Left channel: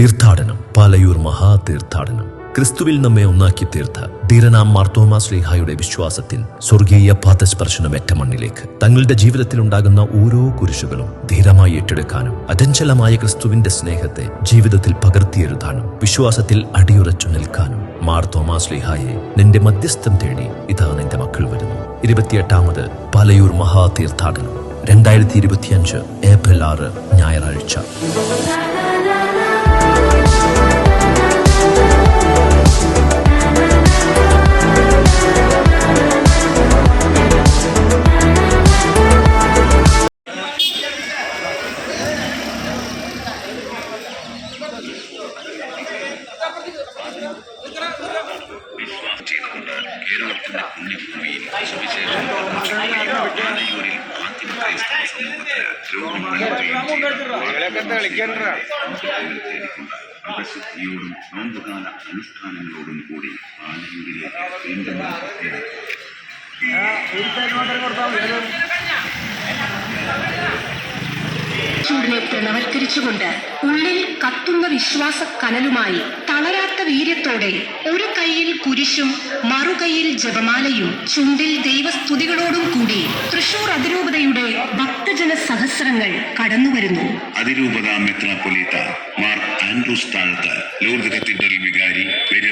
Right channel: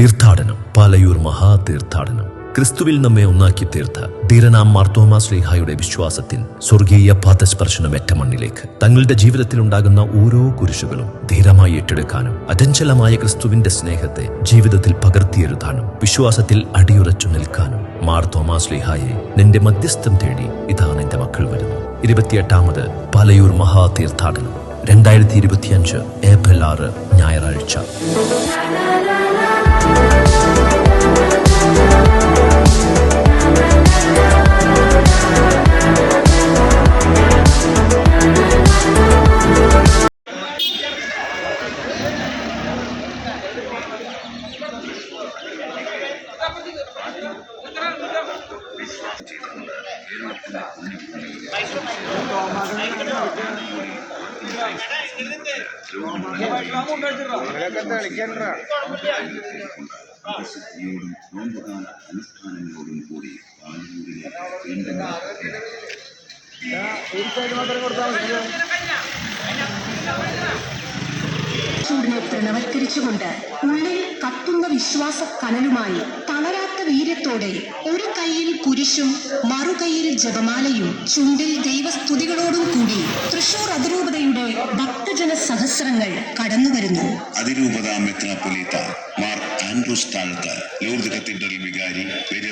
തീർത്ഥാടനം, പാലയൂർ മഹാതീർത്ഥാടനം. ക്രിസ്തുവിൽ നമ്മെ ഒന്നാക്കി തീർത്ത ധീരനാം മാർത്തോമാ ശ്ലീഹായുടെ വിശ്വാസത്തിൽ സ്വർഗീയ പാദസ്പർശനമേറ്റ മണ്ണിലേക്ക് തങ്ങളുടെ ജീവിതത്തിൽ ഉണ്ടാകുന്ന ഓരോ കുരിശുകളും ധീരമായി ഏറ്റെടുക്കാനും അചഞ്ചലമായ ക്രിസ്തുവിന്റെ സ്നേഹത്തെ ജീവിതത്തിൽ പകർത്തിയെഴുതാനും വിശ്വാസത്തിൽ അടിയുറച്ചു നിൽക്കാനും മാർത്തോമാ ശ്ലീഹായെ നിന്റെ മധ്യസ്ഥം തേടി ഇതാ നിന്റെ മക്കൾ വരുന്നു. 28ാമത് പാലയൂർ മഹാതീർത്ഥാടനം 2025 ഏപ്രിൽ 6 ഞായറാഴ്ച. കേരളത്തിന്റെ പുണ്യഭൂമിയിൽ സുവിശേഷം പാലയൂരിൽ പ്രസിദ്ധിയോടും നോമ്പുകാല അനുഷ്ഠാനങ്ങളോടും കൂടി പാലയൂരിലേക്ക് വീണ്ടും ചൂടിനെ പ്രണവൽക്കരിച്ചുകൊണ്ട് ഉള്ളിൽ കത്തുന്ന വിശ്വാസ കനലുമായി തളരാത്ത വീര്യത്തോടെ ഒരു കൈയിൽ കുരിശും മറുകൈയിൽ ജപമാലയും ചുണ്ടിൽ ദൈവസ്തുതികളോടും കൂടി തൃശൂർ അതിരൂപതയുടെ ഭക്തജന സഹസ്രങ്ങൾ കടന്നുവരുന്നു. അതിരൂപത മെത്രാപ്പൊലീത്ത മാർ ആൻഡ്രൂസ് താഴത്ത്, ലൂർദ് കത്തീഡ്രൽ വികാരി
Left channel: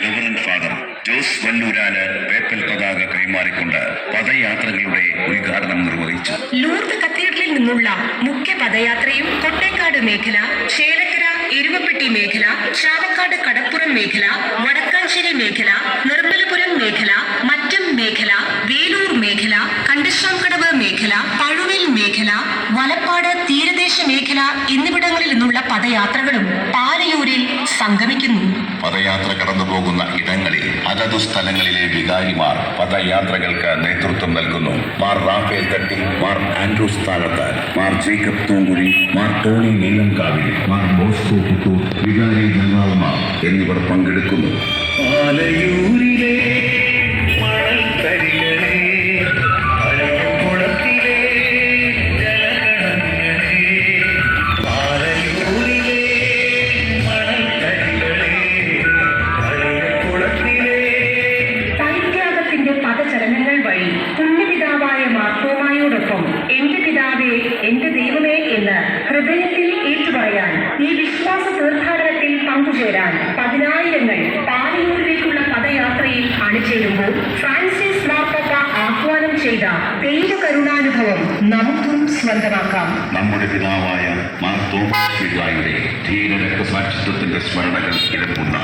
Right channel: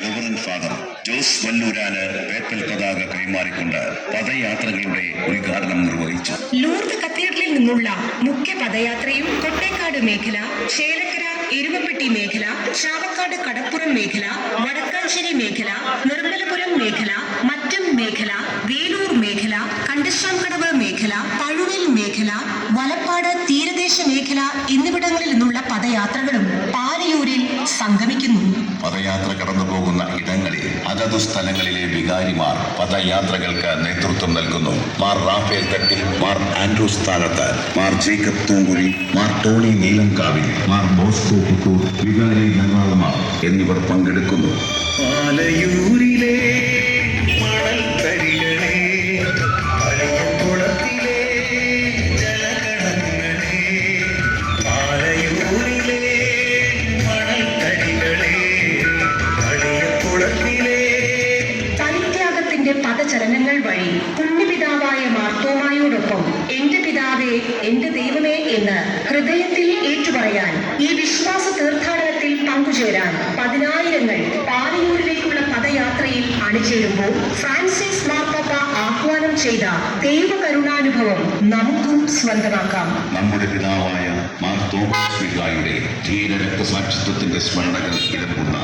റവറന്റ് ഫാദർ ജോസ് വല്ലൂരാന് പേപ്പൽ പതാക കൈമാറിക്കൊണ്ട് പദയാത്രകളുടെ ഉദ്ഘാടനം നിർവഹിച്ചു. ലൂർദ് കത്തീഡ്രലിൽ നിന്നുള്ള മുഖ്യ പദയാത്രയും കൊട്ടേക്കാട് മേഖല, ചേലക്കര എരുമപ്പെട്ടി മേഖല, ചാവക്കാട് കടപ്പുറം മേഖല, വടക്കാഞ്ചേരി മേഖല, നിർമ്മലപുരം മേഖല, മറ്റം മേഖല, വേലൂർ മേഖല, കണ്ടശ്ശാംകടവ് മേഖല, പഴുവിൽ മേഖല, വലപ്പാട് തീരദേശ മേഖല എന്നിവിടങ്ങളിൽ നിന്നുള്ള പദയാത്രകളും പാലയൂരിൽ സംഗമിക്കുന്നു. പദയാത്ര കടന്നുപോകുന്ന ഇടങ്ങളിൽ അതതു സ്ഥലങ്ങളിലെ വികാരിമാർ പദയാത്രകൾക്ക് നേതൃത്വം നൽകുന്നു. മാർ റാഫേൽ തട്ടി, Mar Andrews Thazhath, Mar Jacob Thoomkuzhy, Mar Tony Neelankavil, Mar Bosco Puthur, വികാരി ഗംഗാളമാർ എന്നിവർ പങ്കെടുക്കുന്നു. പാലയൂരിലെ പദചരണങ്ങൾ വഴി പുണ്യപിതാവായ മാർത്തോമായോടൊപ്പം എന്റെ പിതാവേ, എന്റെ ദൈവമേ എന്ന് ഹൃദയത്തിൽ ഏറ്റുപറയാൻ ഈ വിശ്വാസ തീർത്ഥാടനത്തിൽ പങ്കുചേരാൻ 10,000 പാലയൂരിലേക്കുള്ള പദയാത്രയിൽ അണിചേരുമ്പോൾ ഫ്രാൻസിസ് മാർപ്പാപ്പ ആഹ്വാനം ചെയ്ത ദൈവകരുണാനുഭവം നമുക്കും സ്വന്തമാക്കാം. നമ്മുടെ പിതാവായ മാർത്തോമാ ശ്ലീഹായുടെ ധീര രക്തസാക്ഷിത്വത്തിന്റെ സ്മരണകൾ കിടക്കുന്ന